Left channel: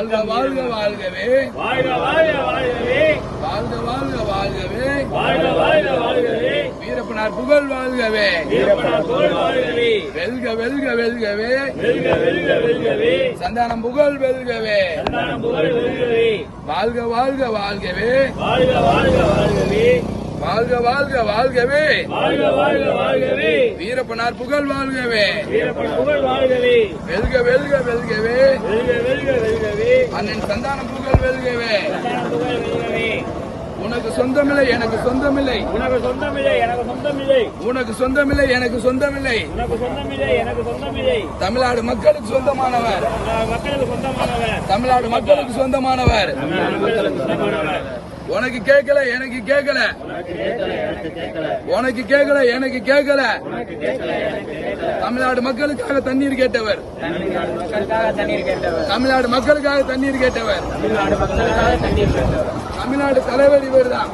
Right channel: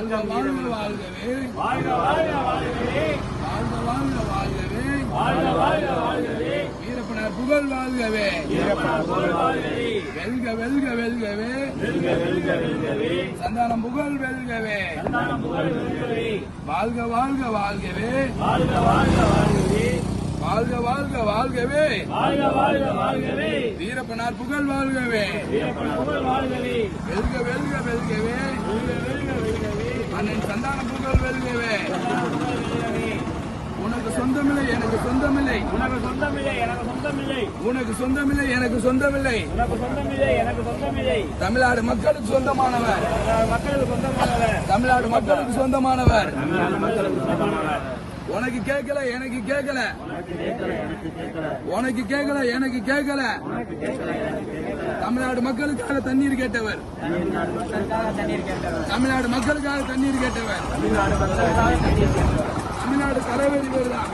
வாழ்க வாழ்க வாழ்கவே வாழ்க வாழ்க வாழ்கவே வாழ்க வாழ்க வாழ்கவே வாழ்க வாழ்க வாழ்கவே வீரப்பனார் புகழ் வாழ்கவே வீரப்பனார் புகழ் வாழ்கவே வெல்க வெல்க வெல்கவே வெல்க வெல்க வெல்கவே சந்தானம் புகழ் வெல்கவே சந்தானம் புகழ் வெல்கவே வாழ்க வாழ்க வாழ்கவே வாழ்க வாழ்க வாழ்கவே வாழ்க வாழ்க வாழ்கவே வாழ்க வாழ்க வாழ்கவே வீரப்பனார் புகழ் வாழ்கவே வீரப்பனார் புகழ் வாழ்கவே வெல்க வெல்க வெல்கவே வெல்க வெல்க வெல்கவே அண்ணன் சந்தானம் புகழ் வெல்கவே சந்தானம் புகழ் வெல்கவே உனக்கு சொந்தமில்லை எனக்கு சொந்தமில்லை உனக்கு சொந்தமில்லை எனக்கு சொந்தமில்லை உனக்கு சொந்தமில்லை எனக்கு சொந்தமில்லை உனக்கு சொந்தமில்லை எனக்கு சொந்தமில்லை தமிழ்நாடு மக்களுக்கு சொந்தமானவர் மக்களுக்கு சொந்தமானவர் தமிழ்நாடு மக்களுக்கு சொந்தமானவர் மக்களுக்கு சொந்தமானவர் உனக்கு கேட்கல எனக்கு கேட்கல உனக்கு கேட்கல எனக்கு கேட்கல தமிழ்நாடு மக்களுக்காக தண்ணீர் கேட்டவர் தமிழ்நாடு மக்களுக்காக தண்ணீர் கேட்டவர் தமிழ்நாடு மக்களுக்காக தண்ணீர் கேட்டவர் தமிழ்நாடு தலைவர் இவர் தான்